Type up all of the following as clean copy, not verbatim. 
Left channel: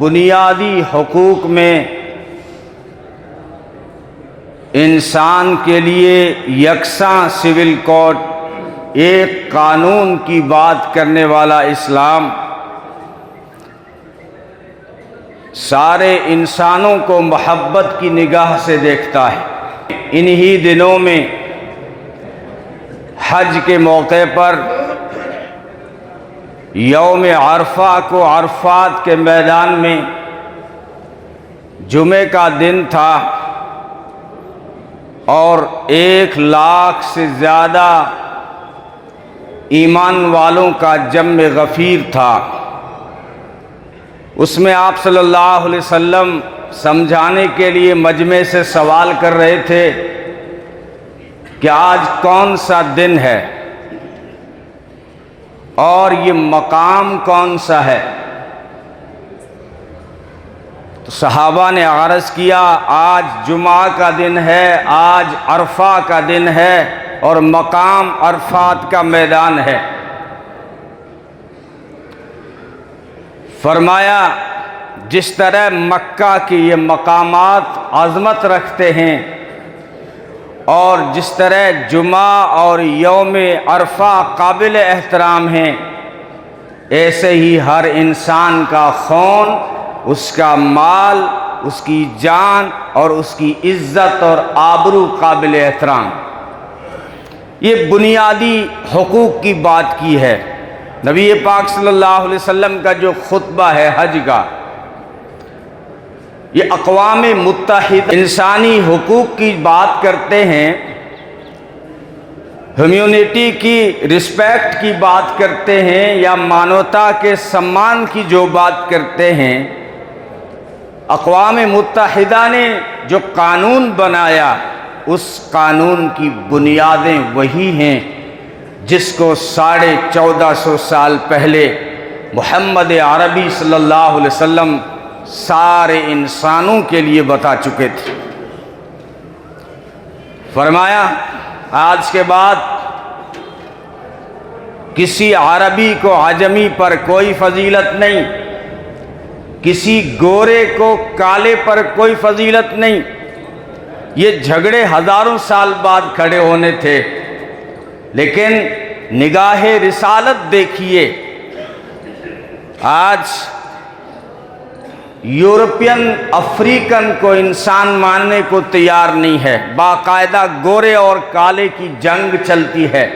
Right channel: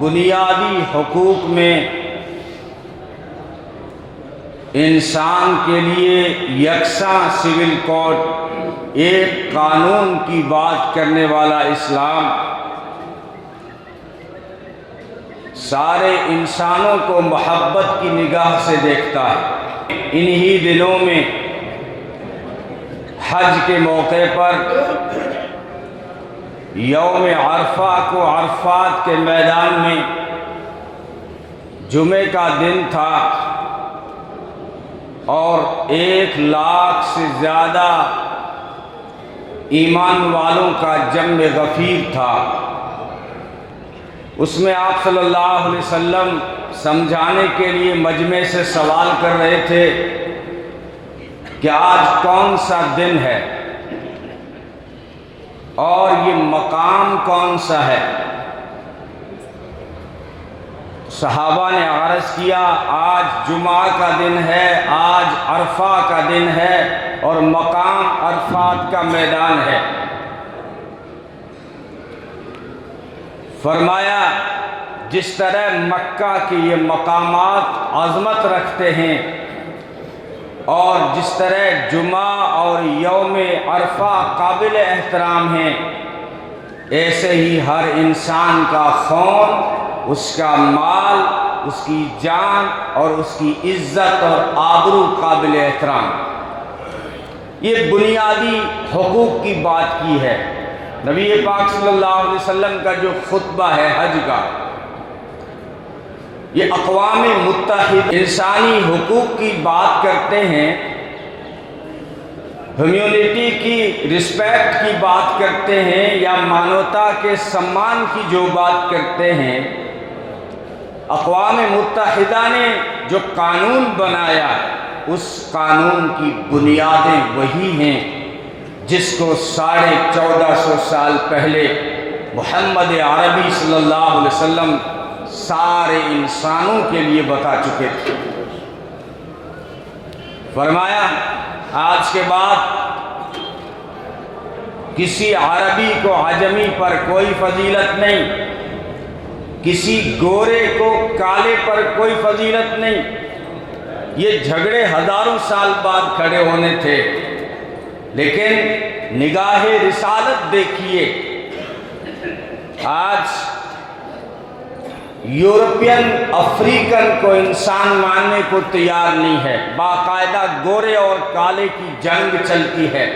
بنیادی حقوق میں انسان کے لیے یکساں سول کوڈ، ایک قانون کی بات کرنے والا اسلام سارے انسانوں کو محبت کی نگاہ سے دیکھتا ہے۔ انہی دنوں میں حج کے موقع پر یوم عرفہ کو عرفات کے میدان میں جمعے کا دن تھا اور 1,00,000 سے زیادہ ایمان والوں کا جمع غفیر تھا۔ اس میں آپ صلی اللہ علیہ وسلم سمجھانے کے لیے مجمع سے سوال کر رہے تھے کہ آج کون سا دن ہے اور یہ مقام کون سا ہے؟ تو صحابہ نے عرض کیا آج جمعہ کا دن ہے، آج عرفہ کا دن ہے اور مقام عرفات کا میدان ہے۔ فرمایا جس طرح مکہ کے یہ مقامات عظمت رکھتے ہیں اور جس طرح جمعہ اور یوم عرفہ قابل احترام ہیں، ایسے ہی ہر انسان کا خون، اس کا مال، اس کی جان اور اس کی عزت اور آبرو قابل احترام۔ یہ بنیادی حقوق کی بات کی ہے۔ نبی پاک صلی اللہ علیہ وسلم کا جو خطبہ ہے حج کا، یہ اقوام متحدہ انسانی حقوق کی بات کرتے ہیں، ہیومینٹی کی رسپیکٹ کی بات کرتے ہیں، یا مانوتا کے سمان کی جو بات کرتے ہیں۔ اقوام متحدہ نے جو قانون بنایا، اس قانون کی بنیادیں وہی ہیں جس کو 1450 سال پہلے محمد عربی صلی اللہ علیہ وسلم سارے انسانوں کے لیے بتا چکے تھے۔ فرمایا آج کے بعد کسی عربی کو عجمی پر کوئی فضیلت نہیں، کسی گورے کو کالے پر کوئی فضیلت نہیں۔ یہ جھگڑے ہزاروں سال بعد کھڑے ہونے تھے، لیکن نگاہ رسالت دیکھیے، آج یورپین افریقن کو انسان ماننے کو تیار نہیں ہے، باقاعدہ گورے اور کالے کی جنگ چلتی ہے۔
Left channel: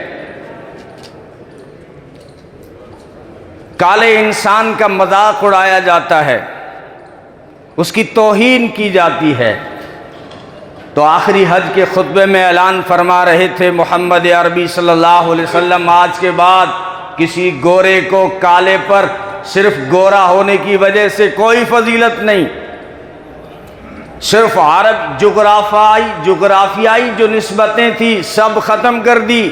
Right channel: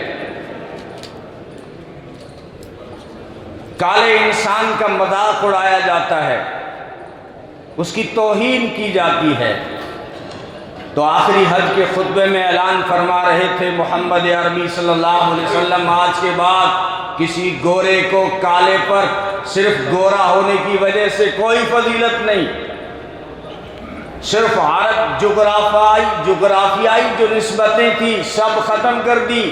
کالے انسان کا مذاق اڑایا جاتا ہے، اس کی توہین کی جاتی ہے۔ تو آخری حج کے خطبے میں اعلان فرما رہے تھے محمد عربی صلی اللہ علیہ وسلم، آج کے بعد کسی گورے کو کالے پر صرف گورا ہونے کی وجہ سے کوئی فضیلت نہیں، صرف عرب جغرافیائی جو نسبتیں تھیں سب ختم کر دی۔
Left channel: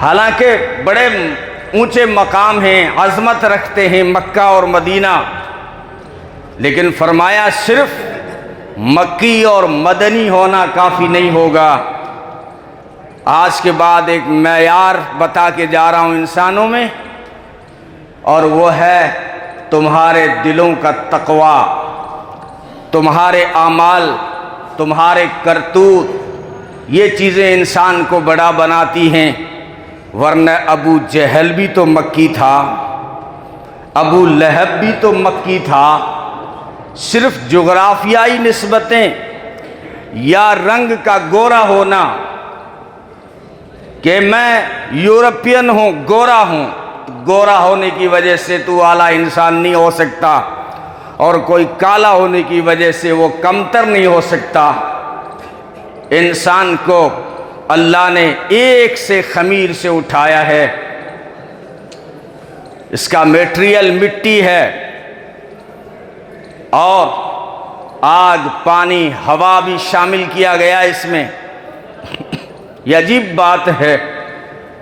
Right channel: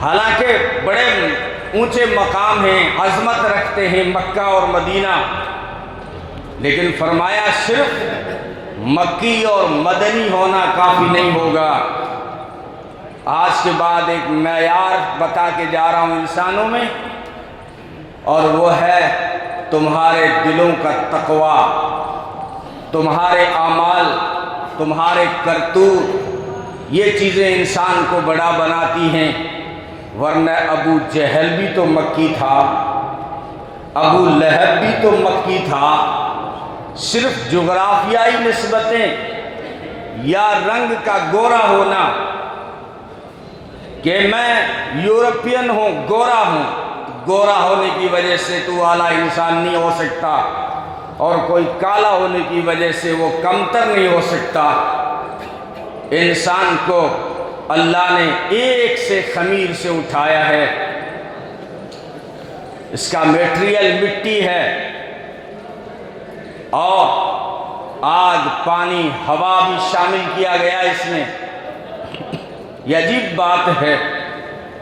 حالانکہ بڑے اونچے مقام ہیں، عظمت رکھتے ہیں مکہ اور مدینہ، لیکن فرمایا صرف مکی اور مدنی ہونا کافی نہیں ہوگا۔ آج کے بعد ایک معیار بتا کے جا رہا ہوں انسانوں میں، اور وہ ہے تمہارے دلوں کا تقوی، تمہارے اعمال، تمہارے کرتوت۔ یہ چیزیں انسان کو بڑا بناتی ہیں، ورنہ ابو جہل بھی تو مکی تھا، ابو لہب بھی تو مکی تھا۔ صرف جغرافیائی نسبتیں یا رنگ کا گورا ہونا کہ میں یورپین ہوں، گورا ہوں، گورا ہونے کی وجہ سے تو اعلیٰ انسان نہیں ہو سکتا، اور کوئی کالا ہونے کی وجہ سے وہ کمتر نہیں ہو سکتا۔ انسان کو اللہ نے ایک سے خمیر سے اٹھایا ہے، اس کا میٹیریل مٹی ہے، اور آگ، پانی، ہوا بھی شامل کیا گیا اس میں۔ یہ عجیب بات ہے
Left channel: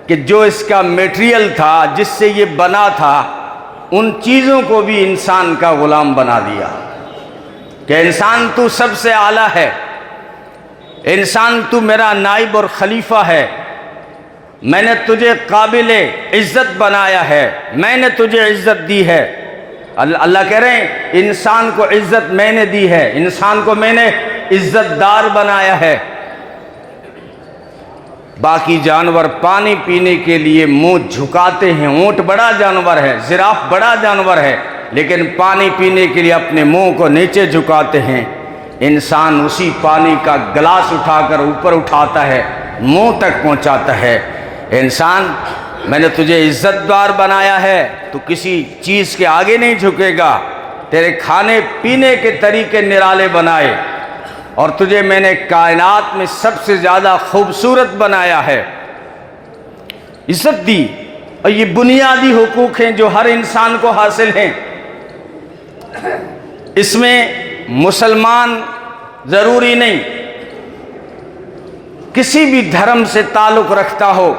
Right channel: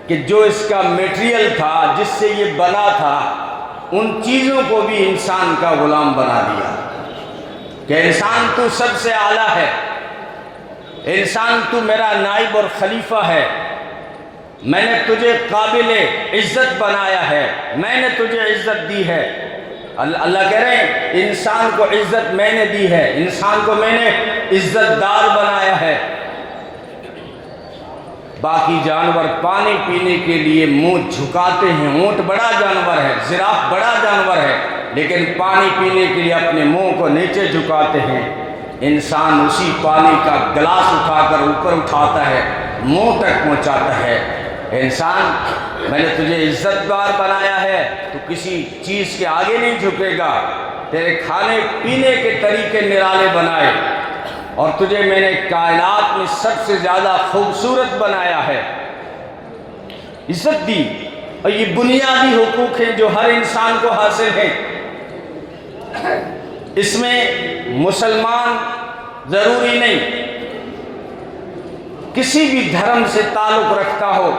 کہ جو اس کا میٹیریل تھا، جس سے یہ بنا تھا، ان چیزوں کو بھی انسان کا غلام بنا دیا کہ انسان تو سب سے اعلیٰ ہے، انسان تو میرا نائب اور خلیفہ ہے۔ میں نے تجھے قابل عزت بنایا ہے، میں نے تجھے عزت دی ہے۔ اللہ کہہ رہے ہیں انسان کو عزت میں نے دی ہے، انسان کو میں نے عزت دار بنایا ہے۔ باقی جانور پانی پینے کے لیے منہ جھکاتے ہیں، اونٹ بڑا جانور ہے، زراف بڑا جانور ہے، لیکن پانی پینے کے لیے اپنے منہ کو نیچے جھکاتے ہیں۔ انسان اسی پانی کا گلاس اٹھا کر اوپر اٹھاتا ہے، منہ تک پہنچاتا ہے۔ انسان، میں نے تجھے عزت دار بنایا ہے، تو کسی چیز کے آگے نہیں جھکے گا۔ تیرے کھانے پینے کے طریقے نرالے بنائے، اور تجھے میں نے کائنات میں سب سے زیادہ خوبصورت بنایا ہے، عزت دی۔ اور یہ بنیادی حقوق ہیں جو ہر انسان کو حاصل ہیں۔ اس میں مسلمان ضروری نہیں، کسی بھی دھرم سے تعلق رکھتا ہو،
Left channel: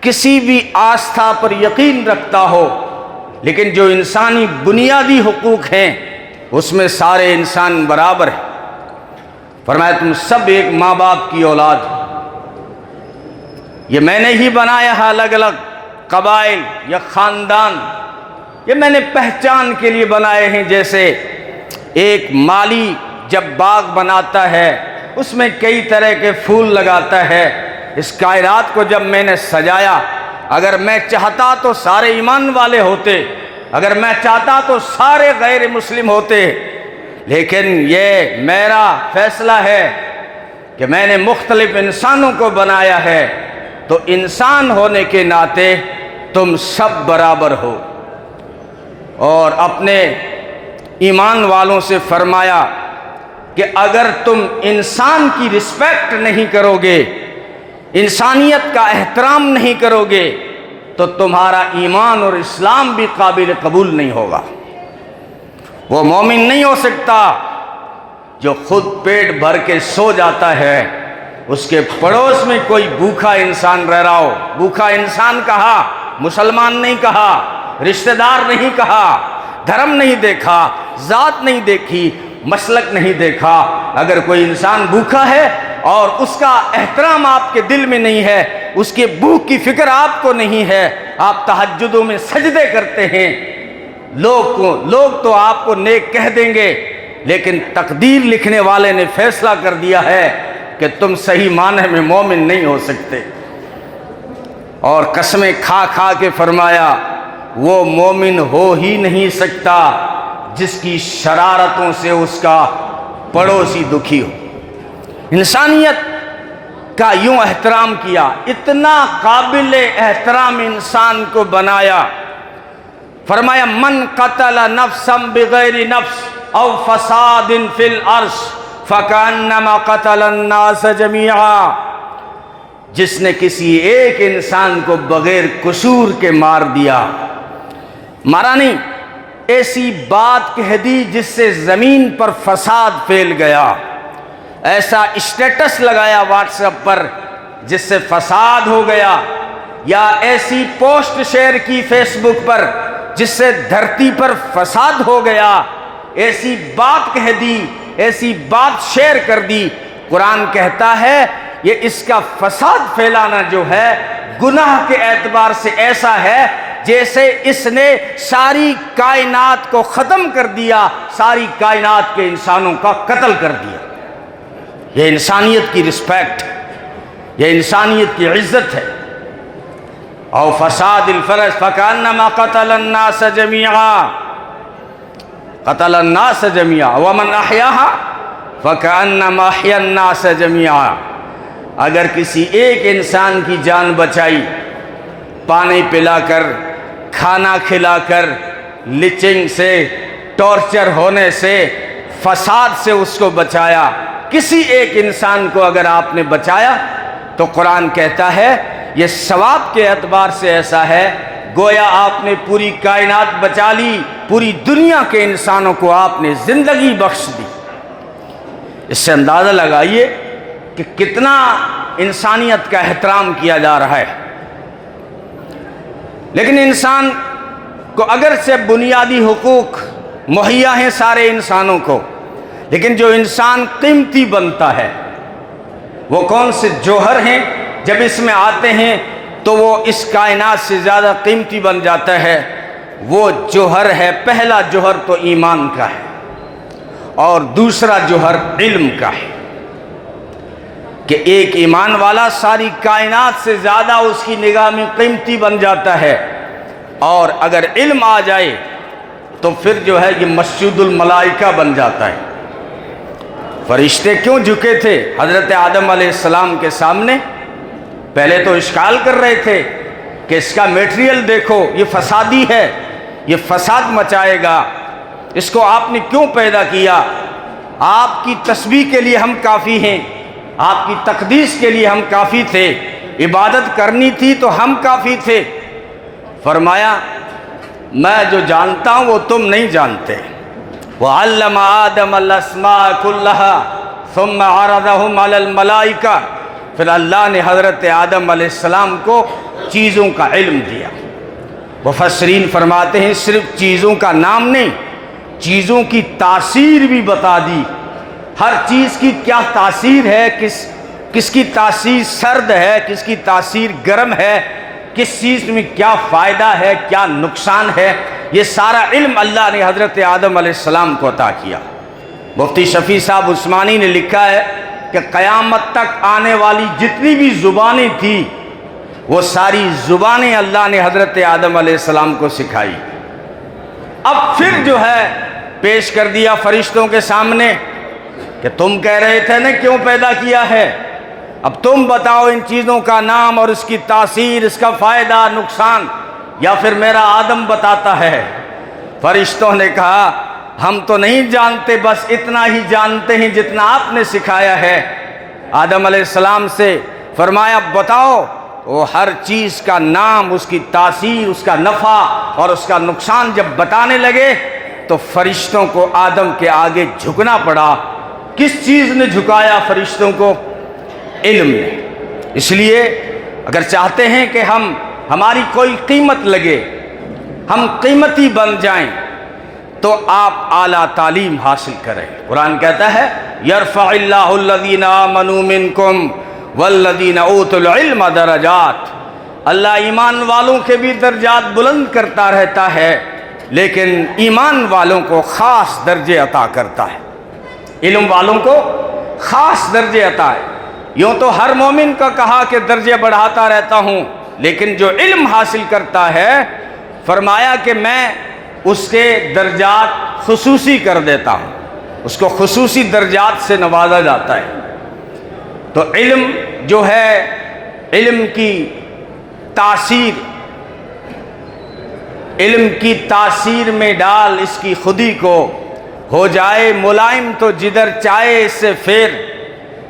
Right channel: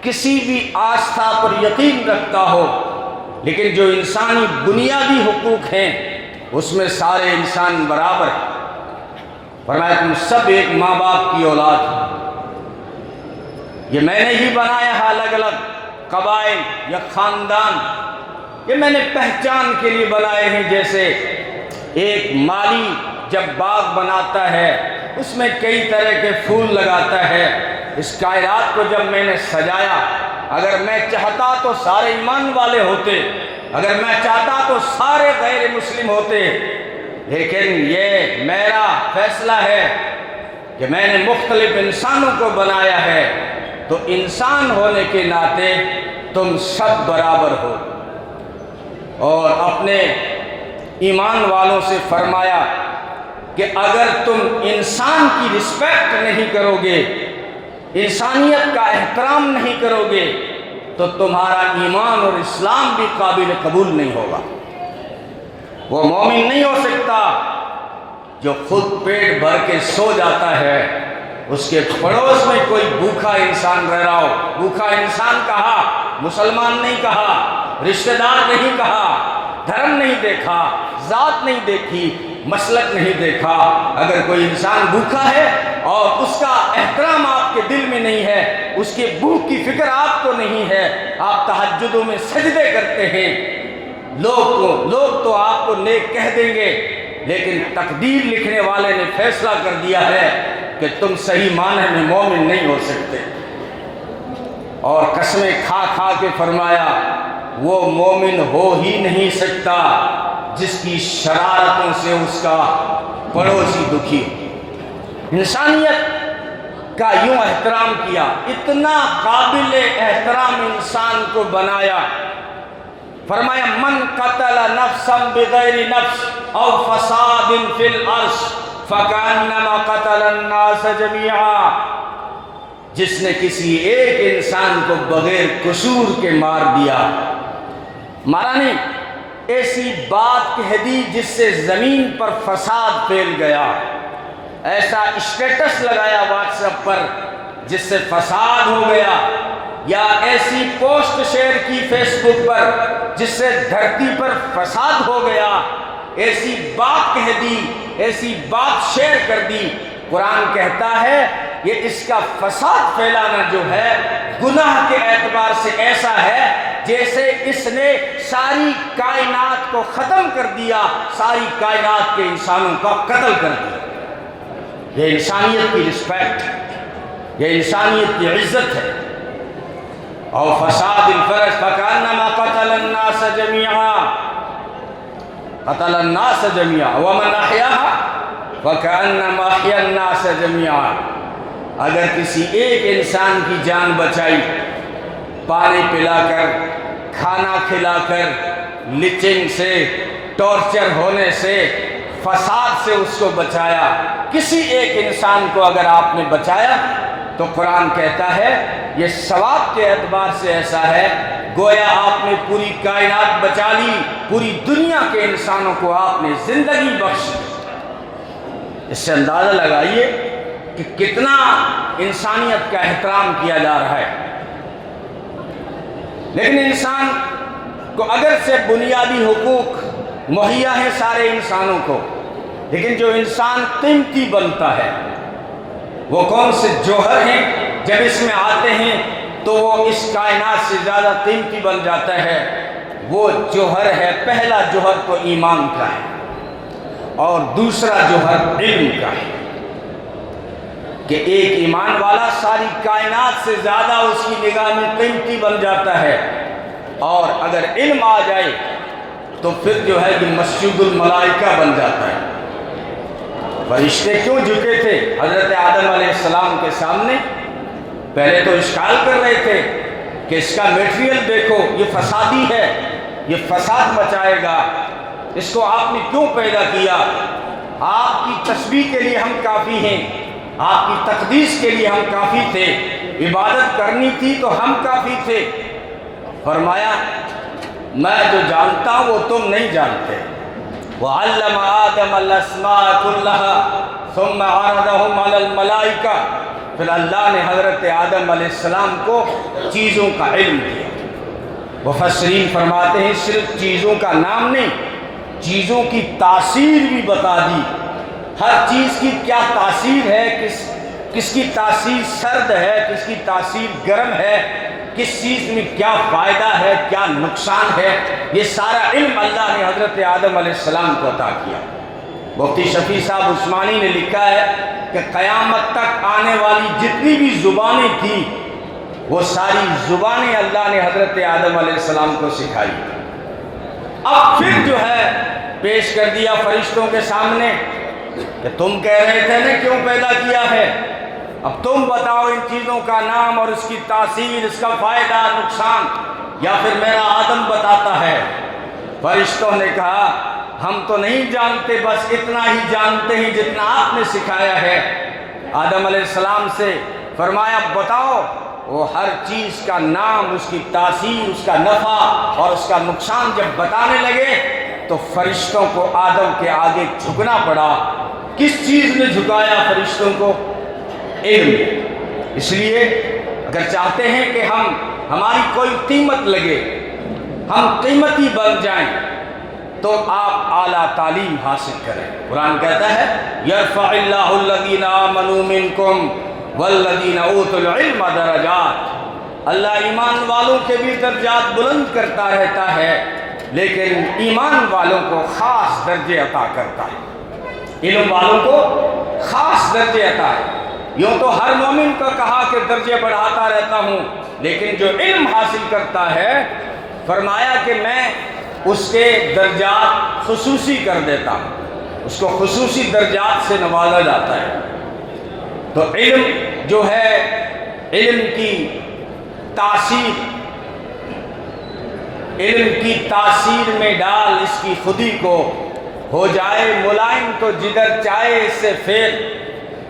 کسی بھی آستھا پر یقین رکھتا ہو، لیکن جو انسانی بنیادی حقوق ہیں اس میں سارے انسان برابر ہیں۔ فرمایا تم سب ایک ماں باپ کی اولاد ہو۔ یہ میں نے ہی بنایا ہے، الگ الگ قبائل یا خاندان، یہ میں نے پہچان کے لیے بنائے ہیں۔ جیسے ایک مالی جب باغ بناتا ہے اس میں کئی طرح کے پھول لگاتا ہے، اس کائنات کو جب میں نے سجایا، اگر میں چاہتا تو سارے ایمان والے ہوتے، اگر میں چاہتا تو سارے غیر مسلم ہوتے، لیکن یہ میرا فیصلہ ہے کہ میں نے مختلف انسانوں کو بنایا ہے، تو انسان ہونے کے ناطے تم سب برابر ہو۔ اور اپنے ایمان والوں سے فرمایا کہ اگر تم انسان کی رسپیکٹ نہیں کرو گے، انسانیت کا احترام نہیں کرو گے، تو تمہارا ایمان اور اسلام بھی قابل قبول نہیں ہوگا۔ وہ مومن نہیں ہو سکتا جو خود پیٹ بھر کے سو جاتا ہے، اس کے پڑوس میں کوئی بھوکا انسان رہ رہا ہو۔ بھوکا انسان کہا، مسلمان نہیں کہا، رشتہ دار نہیں کہا، دھرم نہیں دیکھا، ذات نہیں دیکھی، مسلک نہیں دیکھا۔ اگر کوئی انسان بھوکا ہے اور اس کا احترام آپ کے دل میں نہیں ہے، اس کے بھوک کی فکر آپ کو نہیں ہے، آپ تہجدوں میں سجدے کرتے ہیں، لوگ تو آپ کو نیک کہہ دیں گے، لیکن تقدیر لکھنے والے نے فیصلہ کر دیا ہے کہ تم صحیح معنی میں مومن نہیں ہو سکتے۔ اور قسمیں کھا کھا کے فرمایا وہ مومن ہو ہی نہیں سکتا جس کی شرارتوں سے اس کا پڑوسی دکھی ہو۔ انسانیت کا یوں احترام کیا، اتنا قابل احترام انسان کو بنایا۔ فرمایا من قتل نفسا بغیر نفس او فساد فی الارض فکأنما قتل الناس جمیعا، جس نے کسی ایک انسان کو بغیر قصور کے مار دیا، مارا نہیں، ایسی بات کہہ دی جس سے زمین پر فساد پھیل گیا، ایسا اسٹیٹس لگایا واٹس ایپ پر جس سے فساد ہو گیا، یا ایسی پوسٹ شیئر کی فیس بک پر جس سے دھرتی پر فساد ہو گیا، ایسی بات کہہ دی، ایسی بات شیئر کر دی۔ قرآن کہتا ہے یہ اس کا فساد پھیلانا جو ہے گناہ کے اعتبار سے ایسا ہے جیسے اس نے ساری کائنات کو ختم کر دیا، ساری کائنات کے انسانوں کا قتل کر دیا۔ یہ انسانیت کی رسپیکٹ، یہ انسانیت کی عزت ہے۔ او فساد الفرج فکأنما قتل الناس جميعا، قتل الناس جميعا ومن احیاها فکأنما احیا الناس جميعا۔ اگر کسی ایک انسان کی جان بچائی، پانی پلا کر، کھانا کھلا کر، لچنگ سے، ٹارچر ہونے سے، فساد سے اس کو بچایا، کسی ایک انسان کو اگر آپ نے بچایا تو قرآن کہتا ہے یہ ثواب کے اعتبار سے ایسا ہے گویا آپ نے پوری کائنات بچا لی، پوری دنیا کے انسانوں کو آپ نے زندگی بخش دی۔ اس سے اندازہ لگائیے کہ کتنا انسانیت کا احترام کیا جا رہا ہے۔ لیکن انسان کو اگر سے بنیادی حقوق مہیا ہیں سارے انسانوں کو، لیکن جو انسان قیمتی بنتا ہے وہ کون سے جوہر ہیں جب اس میں آتے ہیں تو وہ اس کائنات سے زیادہ قیمتی بن جاتا ہے۔ وہ جوہر ہے، پہلا جوہر تو ایمان کا ہے اور دوسرا جوہر علم کا ہے، کہ ایک ایمان والا ساری کائنات سے زیادہ اس کی نگاہ میں قیمتی بن جاتا ہے، اور اگر علم آ جائے تو پھر جو ہے یہ مسجد الملائکہ بن جاتا ہے۔ فرشتے کیوں جھکے تھے حضرت آدم علیہ السلام کے سامنے؟ پہلے تو اشکال کر رہے تھے کہ اس کا میٹیریل دیکھو، یہ فسادی ہے، یہ فساد مچائے گا، اس کو آپ نے کیوں پیدا کیا؟ آپ کی تسبیح کے لیے ہم کافی ہیں، آپ کی تقدیس کے لیے ہم کافی تھے، عبادت کرنی تھی تو ہم کافی تھے۔ فرمایا میں جو جانتا ہوں وہ تم نہیں جانتے۔ وَعَلَّمَ آدَمَ الْأَسْمَاءَ كُلَّهَا ثُمَّ عَرَضَهُمْ عَلَى الْمَلَائِكَةِ، پھر اللہ نے حضرت آدم علیہ السلام کو چیزوں کا علم دیا۔ مفسرین فرماتے ہیں صرف چیزوں کا نام نہیں، چیزوں کی تاثیر بھی بتا دی، ہر چیز کی کیا تاثیر ہے، کس کی تاثیر سرد ہے، کس کی تاثیر گرم ہے، کس چیز میں کیا فائدہ ہے، کیا نقصان ہے، یہ سارا علم اللہ نے حضرت آدم علیہ السلام کو عطا کیا۔ مفتی شفیع صاحب عثمانی نے لکھا ہے کہ قیامت تک آنے والی جتنی بھی زبانیں تھیں وہ ساری زبانیں اللہ نے حضرت آدم علیہ السلام کو سکھائی۔ اب پھر جو ہے پیش کر دیا فرشتوں کے سامنے کہ تم کہہ رہے تھے نا کیوں پیدا کیا ہے، اب تم بتاؤ ان چیزوں کا نام اور اس کی تاثیر، اس کا فائدہ نقصان، یا پھر میرا آدم بتاتا ہے؟ فرشتوں نے کہا ہم تو نہیں جانتے، بس اتنا ہی جانتے ہیں جتنا آپ نے سکھایا ہے۔ آدم علیہ السلام سے فرمایا بتاؤ، وہ ہر چیز کا نام، اس کی تاثیر، اس کا نفع اور اس کا نقصان جب بتانے لگے تو فرشتوں کو آدم کے آگے جھکنا پڑا۔ کس چیز نے جھکایا فرشتوں کو؟ علم۔ اس لیے اگر چاہتے ہیں کہ ہماری کوئی قیمت لگے، ہم قیمتی بن جائیں، تو آپ اعلیٰ تعلیم حاصل کریں۔ قرآن کہتا ہے یرفع اللہ الذین آمنوا منکم والذین اوتوا العلم درجات، اللہ ایمان والوں کے بھی درجات بلند کرتا رہتا ہے، لیکن ایمان والوں کو خاص درجے عطا کرتا ہے، علم والوں کو خاص درجے عطا ہے۔ یوں تو ہر مومن کا کہا کہ درجے بڑھاتا رہتا ہوں، لیکن جو علم حاصل کرتا ہے فرمایا کہ میں اس کے درجات خصوصی کر دیتا ہوں، اس کو خصوصی درجات سے نوازا جاتا ہے۔ تو علم جو ہے، علم کی تاثیر میں ڈال اس کی خودی کو، ہو جائے ملائم تو جدھر چاہے اس سے پھر،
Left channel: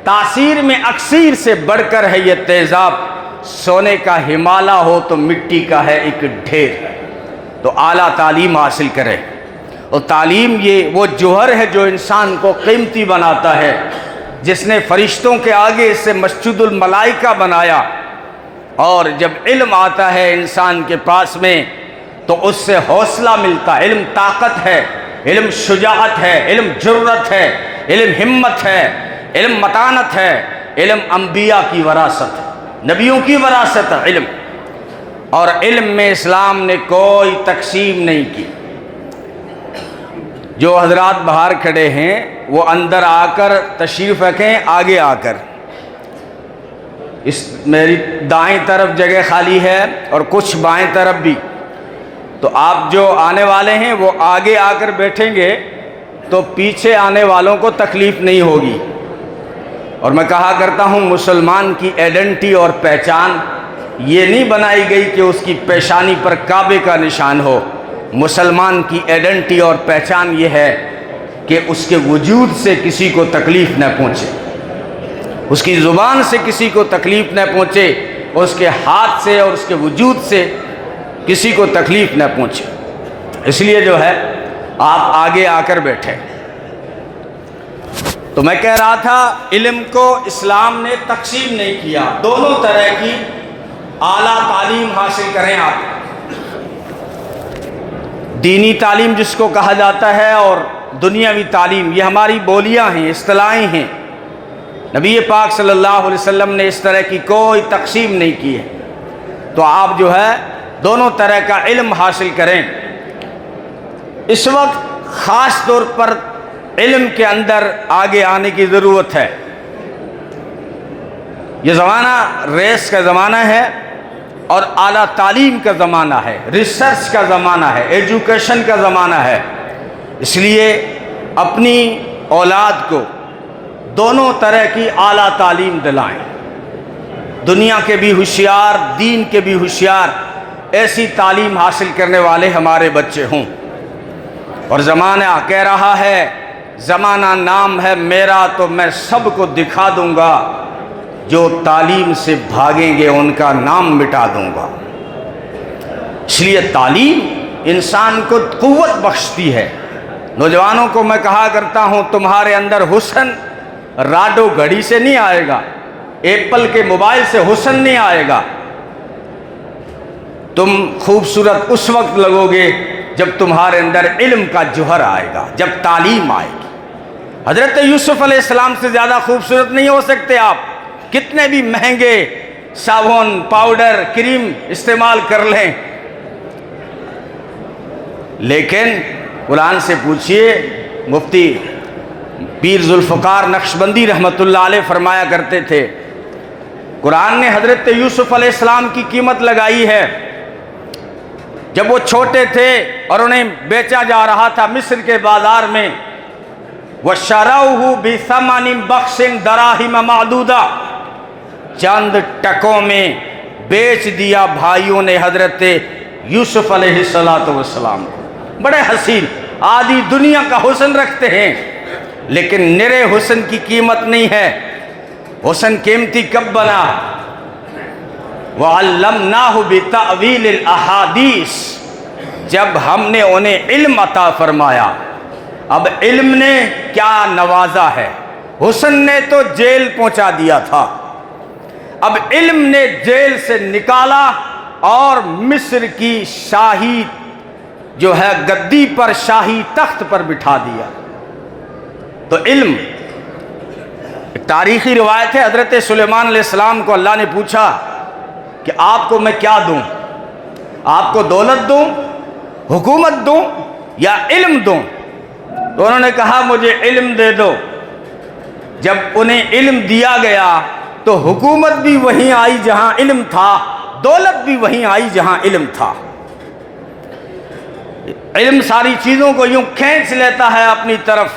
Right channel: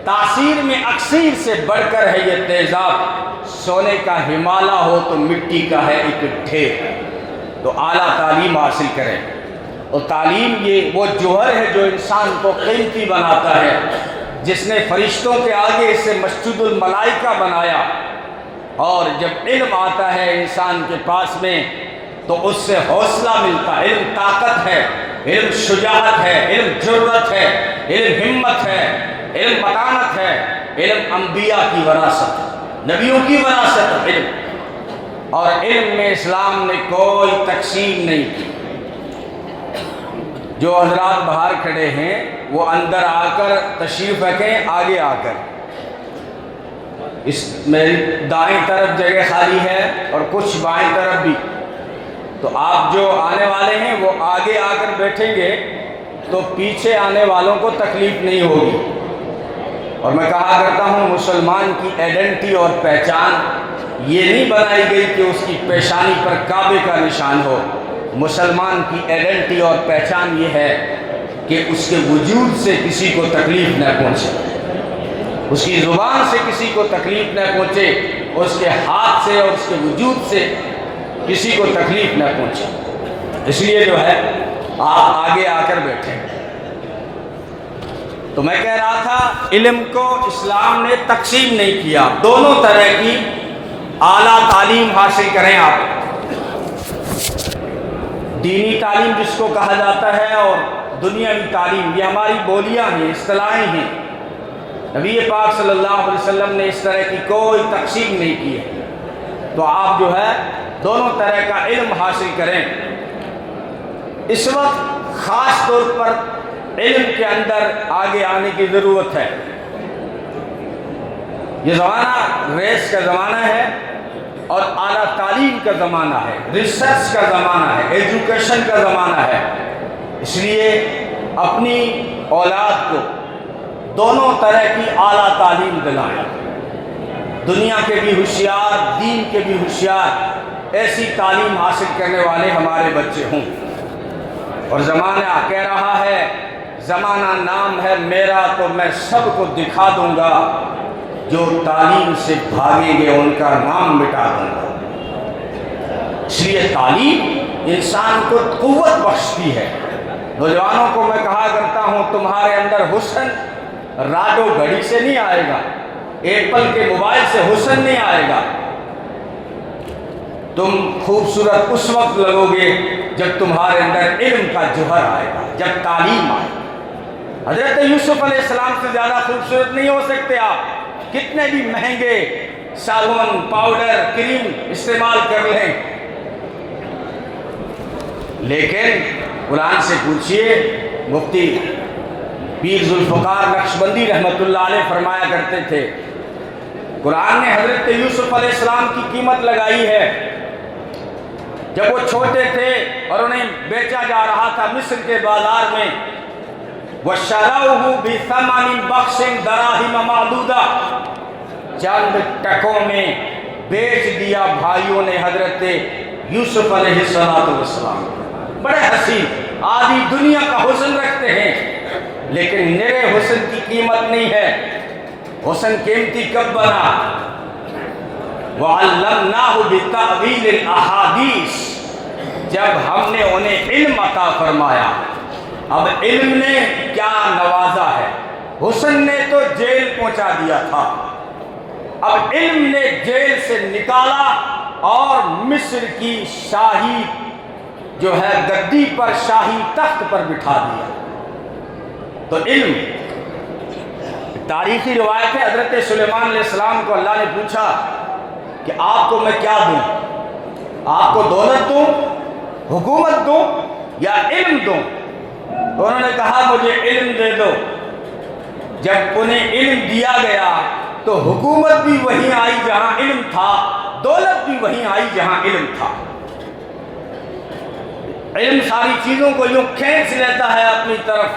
تاثیر میں اکثیر سے بڑھ کر ہے یہ تیزاب، سونے کا ہمالہ ہو تو مٹی کا ہے ایک ڈھیر۔ تو اعلیٰ تعلیم حاصل کرے، اور تعلیم یہ وہ جوہر ہے جو انسان کو قیمتی بناتا ہے، جس نے فرشتوں کے آگے اسے مسجد الملائکہ بنایا۔ اور جب علم آتا ہے انسان کے پاس میں تو اس سے حوصلہ ملتا ہے، علم طاقت ہے، علم شجاعت ہے، علم جرأت ہے، علم ہمت ہے، علم متانت ہے، علم انبیاء کی وراثت ہے، نبیوں کی وراثت ہے علم۔ اور علم میں اسلام نے کوئی تقسیم نہیں کی۔ جو حضرات باہر کھڑے ہیں وہ اندر آ کر تشریف رکھیں، آگے آ کر، اس میری دائیں طرف جگہ خالی ہے اور کچھ بائیں طرف بھی، تو آپ جو آنے والے ہیں وہ آگے آ کر بیٹھیں گے تو پیچھے آنے والوں کو تکلیف نہیں ہوگی۔ اور میں کہا کرتا ہوں مسلمان کی آئیڈینٹی اور پہچان یہ نہیں بنائی گئی کہ اس کی پیشانی پر کعبے کا نشان ہو، مسلمان کی آئیڈینٹی اور پہچان یہ ہے کہ اس کے وجود سے کسی کو تکلیف نہ پہنچے، اس کی زبان سے کسی کو تکلیف نہ پہنچے، اس کے ہاتھ سے اور اس کے وجود سے کسی کو تکلیف نہ پہنچے۔ اس لیے جو ہے آپ آگے آ کر بیٹھے۔ تو میں کہہ رہا تھا علم کو اسلام نے تقسیم نہیں کیا، دونوں طرح کی اعلیٰ تعلیم حاصل کریں آپ، دینی تعلیم جس کو کہا جاتا ہے اور دنیاوی تعلیم، یہ ہماری بولیاں ہیں، اصطلاحیں ہیں۔ نبی پاک صلی اللہ علیہ وسلم نے اس طرح کی کوئی تقسیم نہیں کی ہے. تو آپ جو ہے دونوں طرح کا علم حاصل کریں. اس وقت خاص طور پر علم کے اندر آگے آنے کی ضرورت ہے. یہ زمانہ ریس کا زمانہ ہے اور اعلیٰ تعلیم کا زمانہ ہے، ریسرچ کا زمانہ ہے، ایجوکیشن کا زمانہ ہے. اس لیے اپنی اولاد کو دونوں طرح کی اعلیٰ تعلیم دلائیں. دنیا کے بھی ہوشیار، دین کے بھی ہوشیار، ایسی تعلیم حاصل کرنے والے ہمارے بچے ہوں. اور زمانہ کہہ رہا ہے، زمانہ نام ہے میرا تو میں سب کو دکھا دوں گا، جو تعلیم سے بھاگیں گے ان کا نام مٹا دوں گا. اس لیے تعلیم انسان کو قوت بخشتی ہے. نوجوانوں کو میں کہا کرتا ہوں، تمہارے اندر حسن راڈو گھڑی سے نہیں آئے گا، ایپل کے موبائل سے حسن نہیں آئے گا. تم خوبصورت اس وقت لگو گے جب تمہارے اندر علم کا جوہر آئے گا، جب تعلیم آئے گی. حضرت یوسف علیہ السلام سے زیادہ خوبصورت نہیں ہو سکتے آپ، کتنے بھی مہنگے صابن، پاؤڈر، کریم استعمال کر لیں. لیکن قرآن سے پوچھئے، مفتی پیر ذوالفقار نقشبندی رحمۃ اللہ علیہ فرمایا کرتے تھے، قرآن نے حضرت یوسف علیہ السلام کی قیمت لگائی ہے. جب وہ چھوٹے تھے اور انہیں بیچا جا رہا تھا مصر کے بازار میں، وَشَرَوْهُ بِثَمَنٍ بَخْسٍ دَرَاهِمَ مَعْدُودَةٍ، چند ٹکوں میں بیچ دیا بھائیوں نے حضرت یوسف علیہ السلام. بڑے حسین، آدھی دنیا کا حسن رکھتے ہیں لیکن نرے حسن کی قیمت نہیں ہے. حسن قیمتی کب بنا؟ وَعَلَّمْنَاهُ بِتَأْوِيلِ الْأَحَادِيثِ، جب ہم نے انہیں علم عطا فرمایا. اب علم نے کیا نوازا ہے، حسن نے تو جیل پہنچا دیا تھا، اب علم نے جیل سے نکالا اور مصر کی شاہی جو ہے گدی پر، شاہی تخت پر بٹھا دیا. تو علم، تاریخی روایت ہے، حضرت سلیمان علیہ السلام کو اللہ نے پوچھا کہ آپ کو میں کیا دوں، آپ کو دولت دوں، حکومت دوں یا علم دوں؟ تو انہوں نے کہا مجھے علم دے دو. جب انہیں علم دیا گیا تو حکومت بھی وہیں آئی جہاں علم تھا، دولت بھی وہیں آئی جہاں علم تھا. علم ساری چیزوں کو یوں کھینچ لیتا ہے اپنی طرف.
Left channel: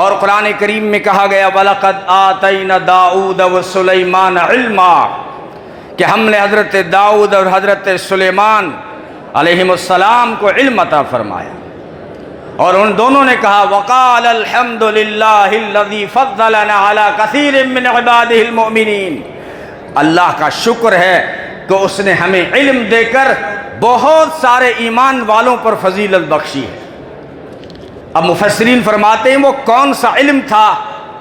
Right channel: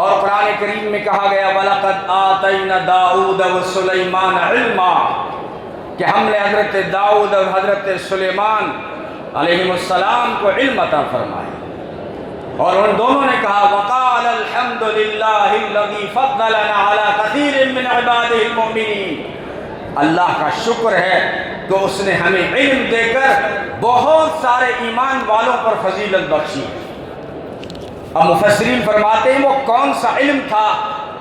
اور قرآن کریم میں کہا گیا وَلَقَدْ آتَيْنَا دَاؤُودَ وَسُلَيْمَانَ عِلْمًا، کہ ہم نے حضرت داؤد اور حضرت سلیمان علیہ السلام کو علم عطا فرمایا. اور ان دونوں نے کہا وَقَالَ الْحَمْدُ لِلَّهِ الَّذِي فَضَّلَنَا عَلَى كَثِيرٍ مِّنْ عِبَادِهِ الْمُؤْمِنِينَ، اللہ کا شکر ہے کہ اس نے ہمیں علم دے کر بہت سارے ایمان والوں پر فضیلت بخشی ہے. اب مفسرین فرماتے ہیں وہ کون سا علم تھا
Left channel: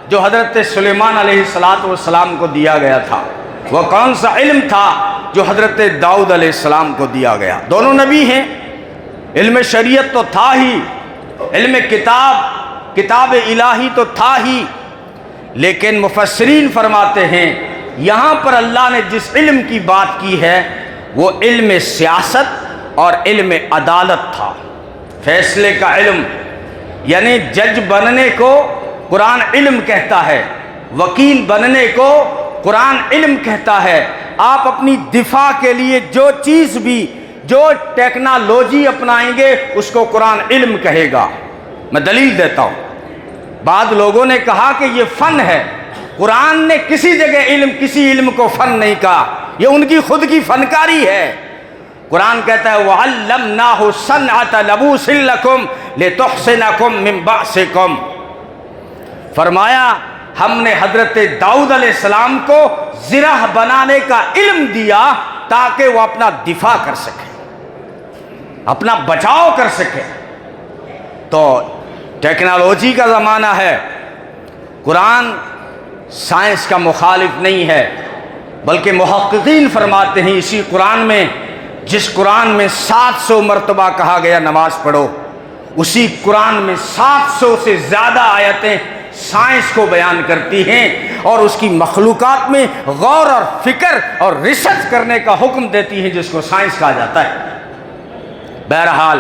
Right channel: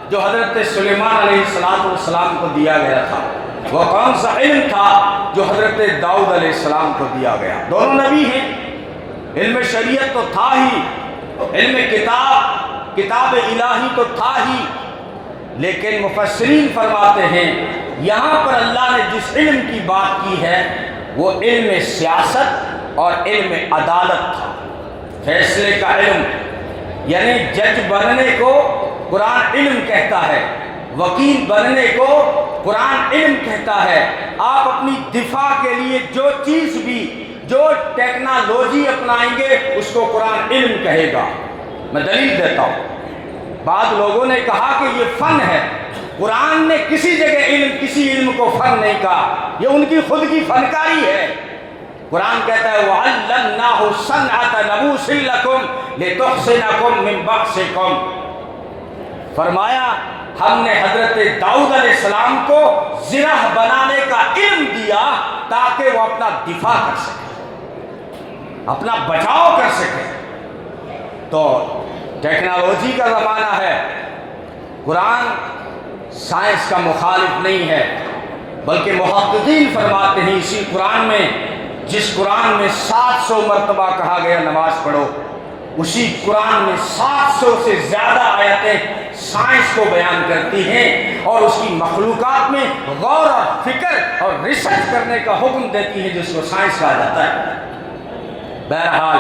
جو حضرت سلیمان علیہ السلام کو دیا گیا تھا، وہ کون سا علم تھا جو حضرت داؤد علیہ السلام کو دیا گیا؟ دونوں نبی ہیں. علم شریعت تو تھا ہی، علم کتاب الہی تو تھا ہی، لیکن مفسرین فرماتے ہیں یہاں پر اللہ نے جس علم کی بات کی ہے وہ علم سیاست اور علم عدالت تھا. فیصلے کا علم، یعنی جج بننے کو قرآن علم کہتا ہے، وکیل بننے کو قرآن علم کہتا ہے. آپ اپنی دفاع کے لیے جو چیز بھی، جو ٹیکنالوجی اپنائیں گے اس کو قرآن علم کہے گا. میں دلیل دیتا ہوں. بعض لوگوں نے کہا کہ یہ فن ہے، قرآن نے کسی جگہ کسی علم کو فن نہیں کہا، یہ ان کی خود کی فنکاری ہے. قرآن کہتا ہے وَعَلَّمْنَاهُ صَنْعَةَ لَبُوسٍ لَكُمْ لِتُحْصِنَكُمْ مِنْ بَأْسِكُمْ، فرمایا ہم نے حضرت داؤد علیہ السلام کو زرہ بنانے کا علم دیا تاکہ وہ اپنا دفاع کر سکے، اپنا بچاؤ کر سکے. تو ٹیکنالوجی کا زمانہ ہے. قرآن سائنس کا مخالف نہیں ہے، بلکہ محققین فرماتے ہیں اسی قرآن میں، جس قرآن میں 700 مرتبہ کہا گیا نماز پڑھو، اسی قرآن میں 700 سے زیادہ آیتیں سائنس کو بیان کرتی ہیں اور اس کی مخلوقات میں غور اور فکر اور ریسرچ کرنے کا حکم دیتی ہیں، جس کو سائنس کہا جاتا ہے۔ بہرحال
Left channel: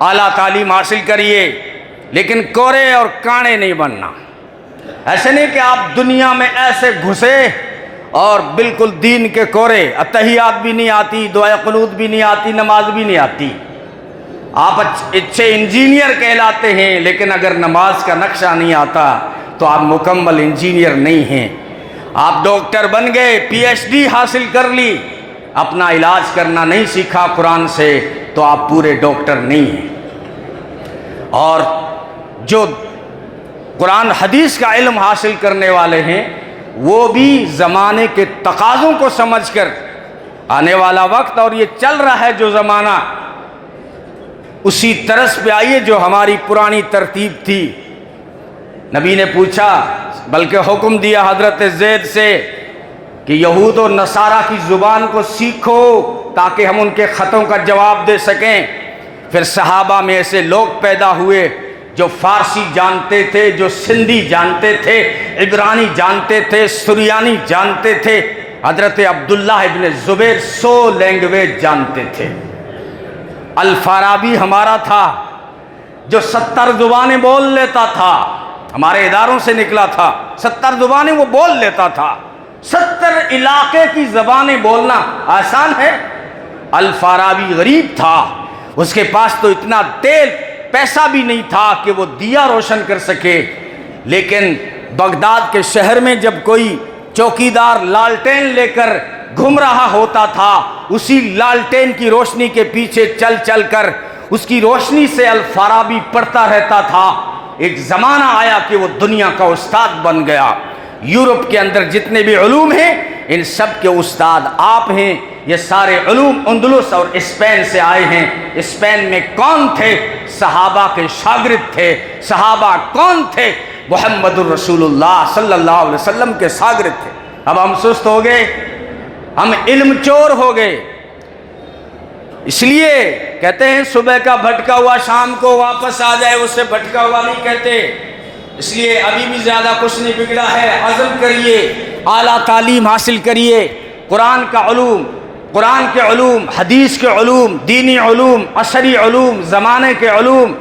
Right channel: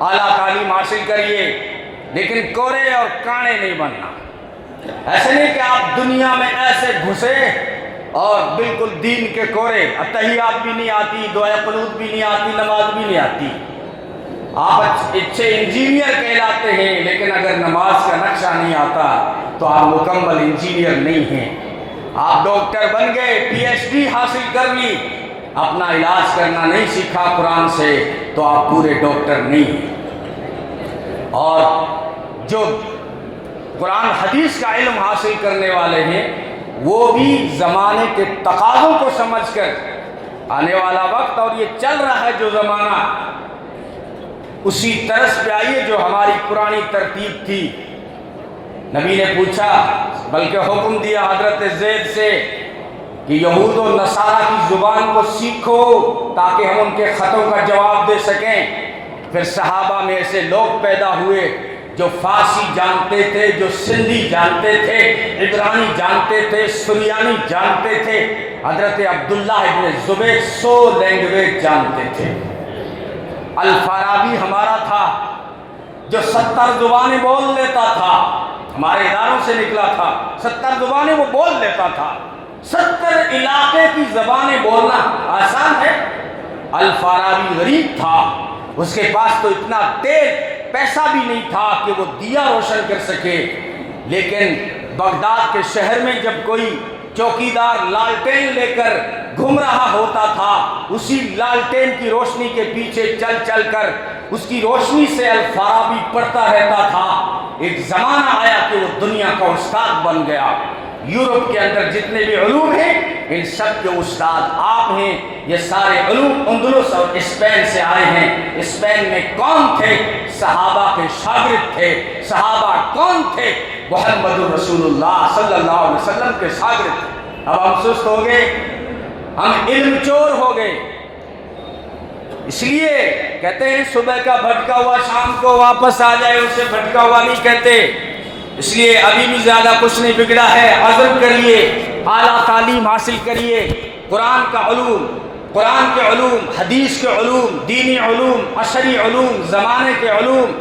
اعلیٰ تعلیم حاصل کریے، لیکن کورے اور کانے نہیں بننا۔ ایسے نہیں کہ آپ دنیا میں ایسے گھسے اور بالکل دین کے کورے، اتحیات بھی نہیں آتی، دعائے قنوت بھی نہیں آتی، نماز بھی نہیں آتی، آپ اچھے انجینئر کہلاتے ہیں، لیکن اگر نماز کا نقشہ نہیں آتا تو آپ مکمل انجینئر نہیں ہیں۔ آپ ڈاکٹر بن گئے، پی ایچ ڈی حاصل کر لی، اپنا علاج کرنا نہیں سیکھا قرآن سے تو آپ پورے ڈاکٹر نہیں ہیں۔ اور جو قرآن حدیث کا علم حاصل کرنے والے ہیں وہ بھی زمانے کے تقاضوں کو سمجھ کر آنے والا وقت اور یہ چل رہا ہے جو زمانہ، اسی طرز پہ آئیے جو ہماری پرانی ترتیب تھی۔ نبی نے پوچھا، بلکہ حکم دیا حضرت زید سے کہ یہود و نصارہ کی زبان کو سیکھو تاکہ ہم ان کے خطوں کا جواب دے سکیں۔ پھر صحابہ میں ایسے لوگ پیدا ہوئے جو فارسی جانتے تھے، جو سندھی جانتے تھے، عبرانی جانتے تھے، سریانی جانتے تھے۔ حضرت عبداللہ ابن زبیر 100 لینگویج جانتے تھے۔ الفارابی ہمارا تھا جو 70 زبانیں بول لیتا تھا، ہمارے اداروں سے نکلا تھا، 70 زبانیں وہ بول لیتا تھا۔ 70 علاقے کی زبانیں بولنا آسان ہے؟ الفارابی غریب تھا، اس کے پاس تو اتنا تیل پیسہ بھی نہیں تھا کہ وہ دیا روشن کر سکے، لیکن بغداد کے شہر میں جب کوئی چوکیدار لالٹین لے کر گھوم رہا ہوتا تھا، اسی لالٹین کی روشنی کے پیچھے چل چل کر اس کی روشنی سے الفارابی پڑھتا رہتا تھا۔ ایک زمانہ آیا کہ وہ دنیا کا استاد بن گیا۔ یورپ کے اندر جتنے بھی علوم ہیں ان سب کے استاد آپ ہیں۔ یہ سارے علوم اندلس اور اسپین سے آئے ہیں۔ اسپین میں کون تھے؟ صحابہ کے شاگرد تھے۔ صحابہ کون تھے؟ محمد الرسول اللہ صلی اللہ علیہ وسلم کے شاگرد تھے۔ اب ہم سست ہو گئے، ہم علم چور ہو گئے، اس لیے کہتے ہیں صبح کا بھٹکا ہوا شام کو واپس آ جائے، اسے بھٹکا ہوا نہیں کہتے۔ اس لیے ابھی بھی زیادہ کچھ نہیں بگڑا ہے، عزم کریے، اعلیٰ تعلیم حاصل کریے، قرآن کا علوم، قرآن کے علوم، حدیث کے علوم، دینی علوم، عصری علوم، زمانے کے علوم،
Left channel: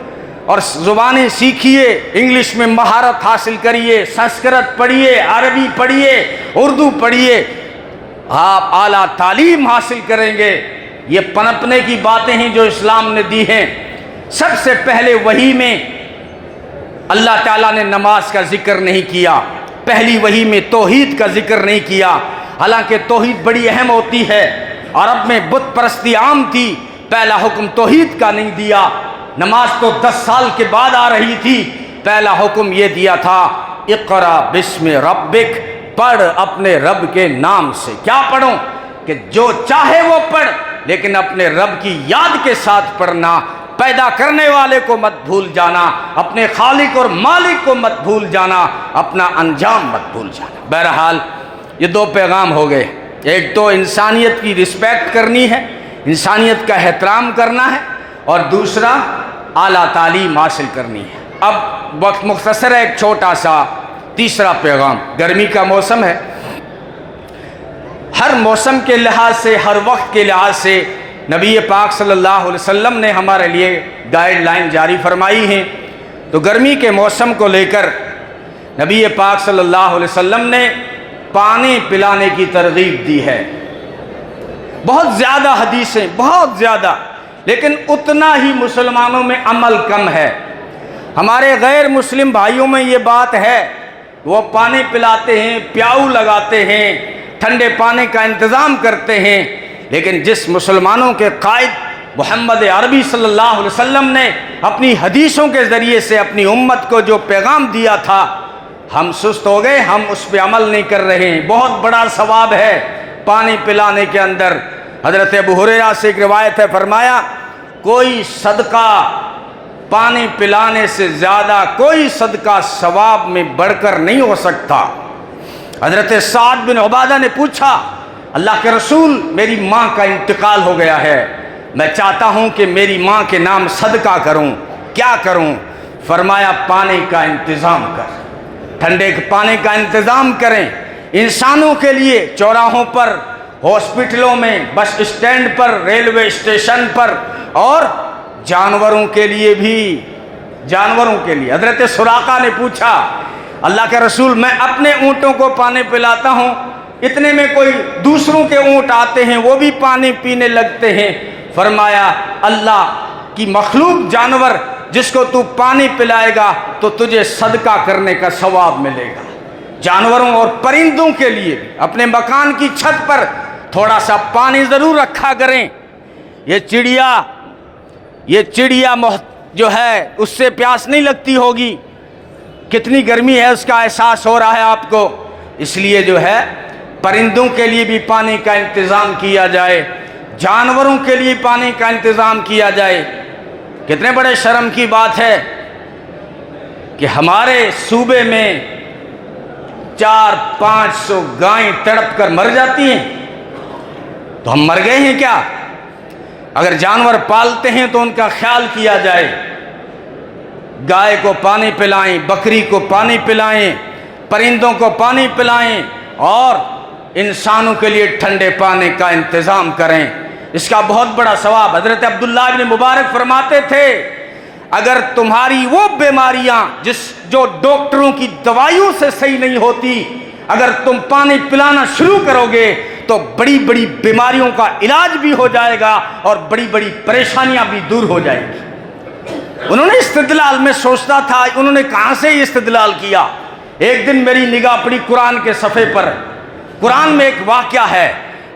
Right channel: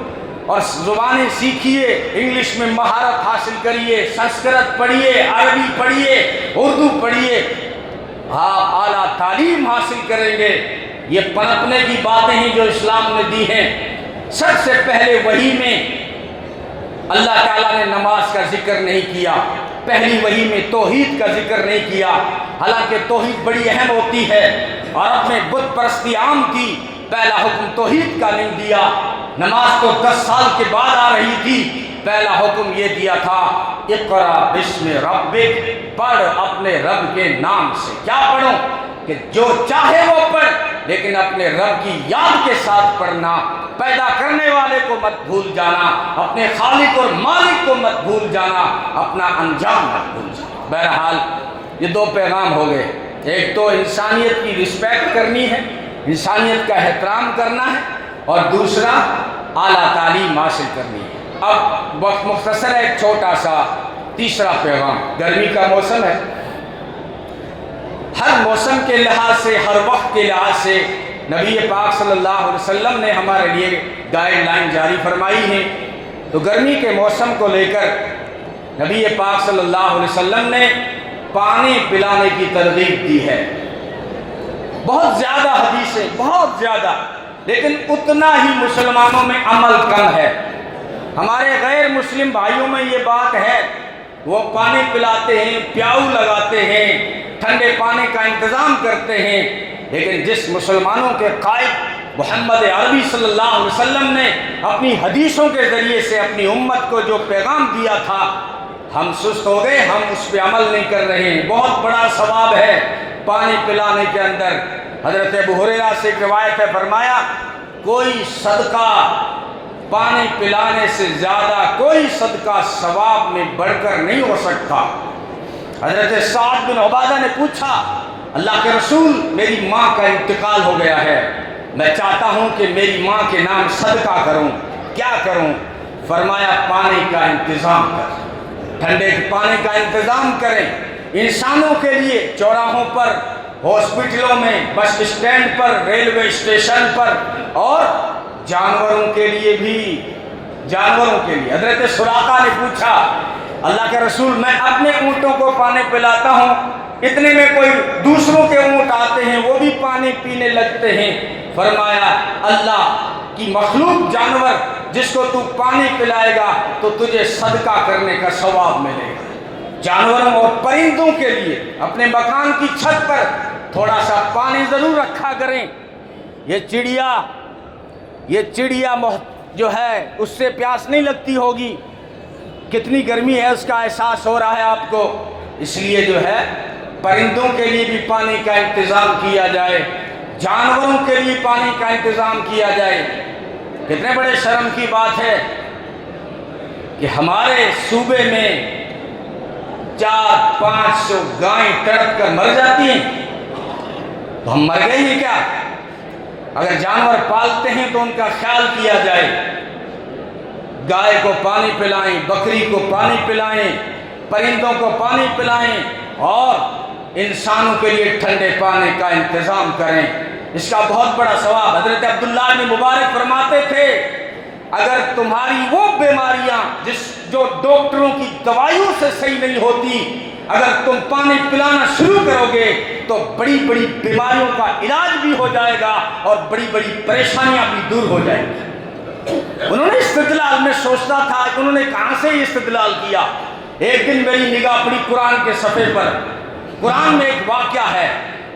اور زبانیں سیکھیے، انگلش میں مہارت حاصل کریے، سنسکرت پڑھیے، عربی پڑھیے، اردو پڑھیے۔ آپ اعلیٰ تعلیم حاصل کریں گے۔ یہ پنپنے کی باتیں ہیں جو اسلام نے دی ہیں۔ سب سے پہلے وحی میں اللہ تعالیٰ نے نماز کا ذکر نہیں کیا، پہلی وحی میں توحید کا ذکر نہیں کیا، حالانکہ توحید بڑی اہم ہوتی ہے۔ عرب میں بت پرستی عام تھی، پہلا حکم توحید کا نہیں دیا۔ نماز تو 10 سال کے بعد آ رہی تھی، پہلا حکم یہ دیا تھا، اقرا بسم ربک، پڑھ اپنے رب کے نام سے۔ کیا پڑھوں؟ کہ جو چاہے وہ پڑھ، لیکن اپنے رب کی یاد کے ساتھ پڑھنا، پیدا کرنے والے کو مت بھول جانا، اپنے خالق اور مالک کو مت بھول جانا، اپنا انجام مت بھول جانا۔ بہرحال یہ 2 پیغام ہو گئے، ایک تو انسانیت کی رسپیکٹ کرنی ہے، انسانیت کا احترام کرنا ہے، اور دوسرا اعلیٰ تعلیم حاصل کرنی ہے۔ اب وقت مختصر ہے، ایک چھوٹا سا تیسرا پیغام۔ گرمی کا موسم ہے، ہر موسم کے لحاظ سے، ہر وقت کے لحاظ سے نبی پاک صلی اللہ علیہ وسلم نے ہمارے لیے گائیڈ لائن جاری فرمائی ہیں۔ تو گرمی کے موسم کو لے کر نبی پاک صلی اللہ علیہ وسلم نے پانی پلانے کی ترغیب دی ہے۔ بہت زیادہ حدیثیں، بہت زیادہ، لیکن اتنا ہی مسلمانوں میں عمل کم ہے۔ ہمارے غیر مسلم بھائیوں میں یہ بات ہے، وہ پانی پلاتے ہیں، پیاؤ لگاتے ہیں، ٹھنڈے پانی کا انتظام کرتے ہیں، لیکن جس مسلمانوں کے قائد محمد عربی صلی اللہ علیہ وسلم نے اپنی حدیثوں کے ذریعے سے اپنی امت کو جو پیغام دیا تھا، ہم سست ہو گئے، ہم اس پہ عمل نہیں کر رہے ہیں۔ بہت بڑا ثواب ہے پانی پلانے کے اندر۔ حضرت ابو ہریرہ سے ایک روایت ہے، فرمایا کوئی صدقہ پانی پلانے سے زیادہ، کوئی صدقہ ثواب میں بڑھ کر نہیں ہو سکتا۔ حضرت سعد بن عبادہ نے پوچھا، اللہ کے رسول میری ماں کا انتقال ہو گیا ہے، میں چاہتا ہوں کہ میری ماں کے نام صدقہ کروں، کیا کروں؟ فرمایا پانی کا انتظام کر، ٹھنڈے پانی کا انتظام کریں انسانوں کے لیے، چوراہوں پر، ہاسپٹلوں میں، بس اسٹینڈ پر، ریلوے اسٹیشن پر، اور جانوروں کے لیے بھی، جانوروں کے لیے۔ حضرت سراقہ نے پوچھا اللہ کے رسول میں اپنے اونٹوں کو پانی پلاتا ہوں، اتنے میں کوئی دوسروں کے اونٹ آتے ہیں وہ بھی پانی پینے لگتے ہیں۔ فرمایا اللہ کی مخلوق جانور جس کو تو پانی پلائے گا تو تجھے صدقہ کرنے کا ثواب ملے گا۔ جانوروں اور پرندوں کے لیے اپنے مکان کی چھت پر تھوڑا سا پانی ضرور رکھا کریں۔ یہ چڑیا جو ہے اس سے پیاس نہیں لگتی ہوگی، کتنی گرمی ہے اس کا احساس ہو رہا ہے آپ کو، اس لیے جو ہے پرندوں کے لیے بھی پانی کا انتظام کیا جائے، جانوروں کے لیے پانی کا انتظام کیا جائے۔ کتنے بڑے شرم کی بات ہے کہ ہمارے صوبے میں 400-500 گائیں تڑپ کر مر جاتی ہیں، تو ہم مر گئے ہیں کیا؟ اگر جانور پالتے ہیں تو ان کا خیال کیا جائے، گائے کو پانی پلائیں، بکری کو پانی پلائیں، پرندوں کو پانی پلائیں، اور انسانوں کے لیے ٹھنڈے پانی کا انتظام کریں، اس کا بہت بڑا ثواب۔ حضرت عبداللہ بن مبارک فرماتے تھے اگر تمہاری وہ بیماریاں جو ڈاکٹروں کی دوائیوں سے صحیح نہیں ہوتی، اگر تم پانی پلانا شروع کرو گے تو بڑی بڑی بیماریوں کا علاج بھی ہو جائے گا اور بڑی بڑی پریشانیاں بھی دور ہو جائیں گی۔ انہوں نے استدلال میں سوچتا تھا، انہوں نے کہاں سے استدلال کیا؟ ایک دن میری نگاہ پڑی قرآن کے صفحے پر، قرآن میں ایک واقعہ ہے،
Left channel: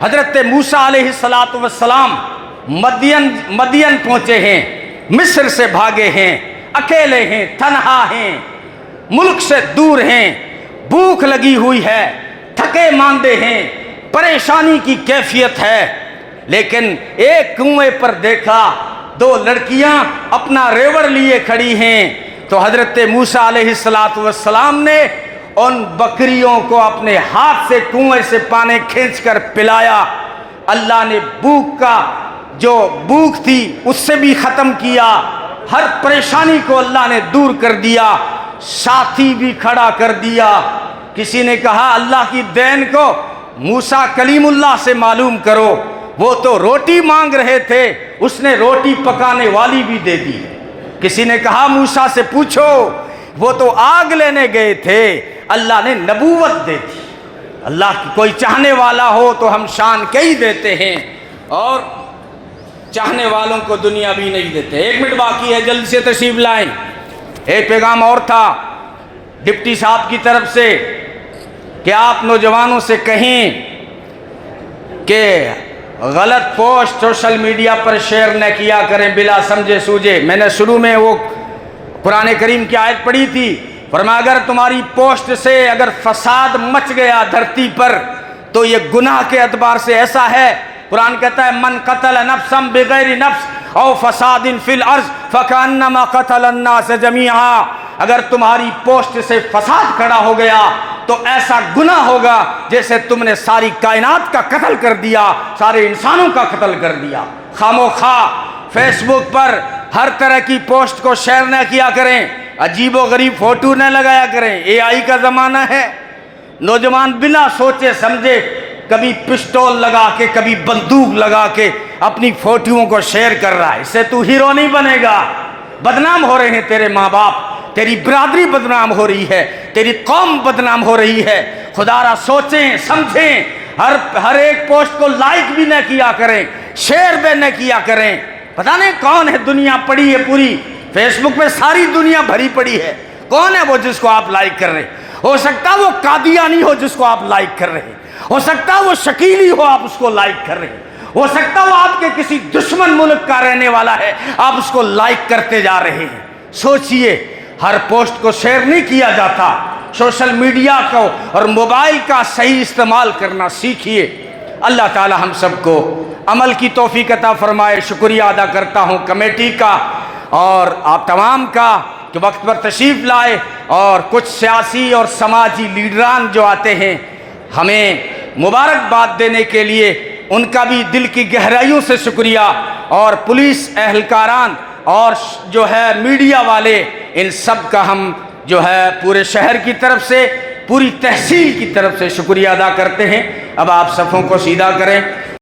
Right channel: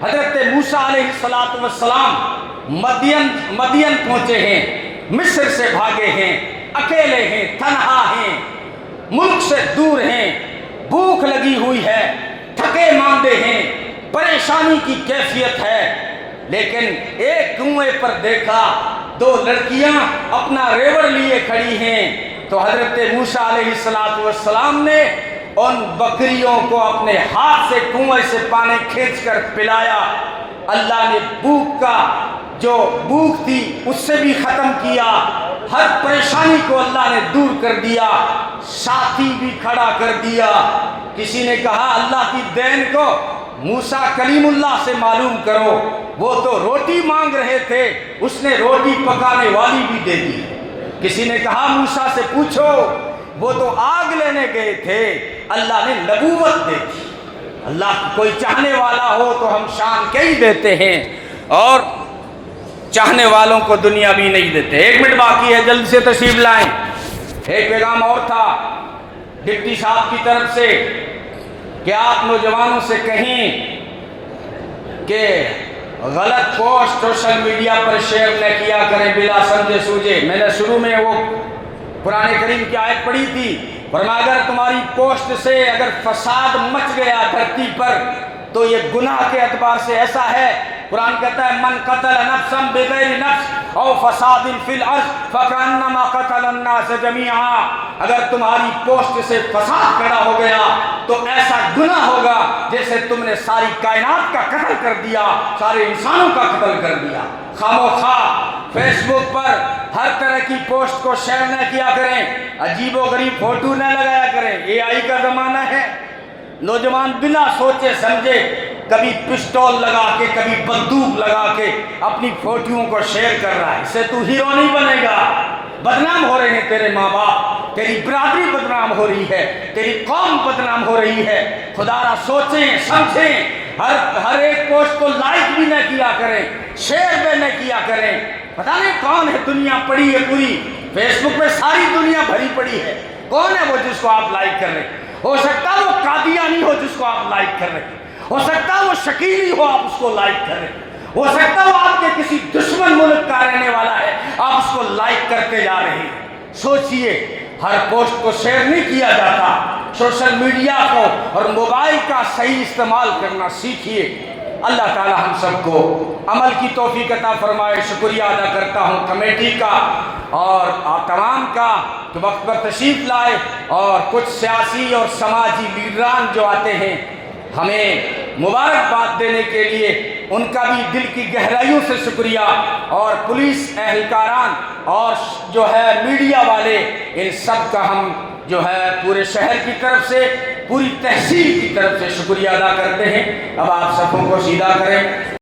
حضرت موسیٰ علیہ السلام مدین پہنچے ہیں، مصر سے بھاگے ہیں، اکیلے ہیں، تنہا ہیں، ملک سے دور ہیں، بھوک لگی ہوئی ہے، تھکے ماندے ہیں، پریشانی کی کیفیت ہے، لیکن ایک کنویں پر دیکھا 2 لڑکیاں اپنا ریوڑ لیے کھڑی ہیں، تو حضرت موسیٰ علیہ السلام نے ان بکریوں کو اپنے ہاتھ سے کنویں سے پانی کھینچ کر پلایا۔ اللہ نے بھوک تھی اس سے بھی ختم کیا، ہر پریشانی کو اللہ نے دور کر دیا، ساتھی بھی کھڑا کر دیا۔ کسی نے کہا اللہ کی دین کو موسیٰ کلیم اللہ سے معلوم کرو، وہ تو روٹی مانگ رہے تھے، اس نے روٹی پکانے والی بھی دے دی۔ کسی نے کہا موسیٰ سے پوچھو، وہ تو آگ لینے گئے تھے، اللہ نے نبوت دے دی۔ اللہ کی کوئی چاہنے والا ہو تو ہم شان کے ہی دیتے ہیں، اور چاہنے والوں کو دنیا بھی نہیں دیتے۔ 1 منٹ باقی ہے، جلد سے تشریف لائیں۔ ایک پیغام اور تھا ڈپٹی صاحب کی طرف سے کہ آپ نوجوانوں سے کہیں کہ غلط پوسٹ سوشل میڈیا پر شیئر نہ کیا کریں بلا سمجھے سوجے۔ میں نے شروع میں وہ قرآن کریم کی آیت پڑھی تھی، فرمایا اگر تمہاری پوسٹ سے اگر فساد مچ گیا دھرتی پر تو یہ گناہ کے اعتبار سے ایسا ہے، قرآن کہتا ہے من قتل نفسا بغیر نفس او فساد فی الارض فکانما قتل الناس جمیعا، اگر تمہاری پوسٹ سے فساد کھڑا ہو گیا تو ایسا گناہ ہوگا جیسے تم نے ساری کائنات کا قتل کر دیا، سارے انسانوں کا قتل کر دیا۔ خاموخواہ فیس بک پر ہر طرح کی پوسٹ کو شیئر نہ کیا کریں، عجیب و غریب فوٹو نہ لگایا کریں، AI کا زمانہ ہے، نوجوان بنا سوچے سمجھے کبھی پسٹول لگا کے کبھی بندوق لگا کے اپنی فوٹوؤں کو شیئر کر رہا ہے، اس سے تو ہیرو نہیں بنے گا۔ بدنام ہو رہے ہیں تیرے ماں باپ، تیری برادری بدنام ہو رہی ہے، تیری قوم بدنام ہو رہی ہے۔ خدا را سوچیں سمجھیں، ہر ایک پوسٹ کو لائک بھی نہ کیا کریں، شیئر بھی نہ کیا کریں۔ پتہ نہیں کون ہے دنیا پڑی ہے پوری، فیس بک پہ ساری دنیا بھری پڑی ہے، کون ہے وہ جس کو آپ لائک کر رہے ہیں؟ ہو سکتا ہے وہ قادیانی ہو جس کو آپ لائک کر رہے ہیں، ہو سکتا ہے وہ شکیلی ہو آپ اس کو لائک کر رہے ہیں، ہو سکتا ہے وہ آپ کے کسی دشمن ملک کا رہنے والا ہے آپ اس کو لائک کرتے جا رہے ہیں۔ سوچئے ہر پوسٹ کو شیئر نہیں کیا جاتا، سوشل میڈیا کو اور موبائل کا صحیح استعمال کرنا سیکھیے۔ اللہ تعالی ہم سب کو عمل کی توفیق عطا فرمائے۔ شکریہ ادا کرتا ہوں کمیٹی کا اور آپ تمام کا کہ وقت پر تشریف لائے، اور کچھ سیاسی اور سماجی لیڈران جو آتے ہیں ہمیں مبارکباد دینے کے لیے ان کا بھی دل کی گہرائیوں سے شکریہ، اور پولیس اہلکاران اور جو ہے میڈیا والے، ان سب کا ہم جو ہے پورے شہر کی طرف سے، پوری تحصیل کی طرف سے شکریہ ادا کرتے ہیں۔ اب آپ صفوں کو سیدھا کریں۔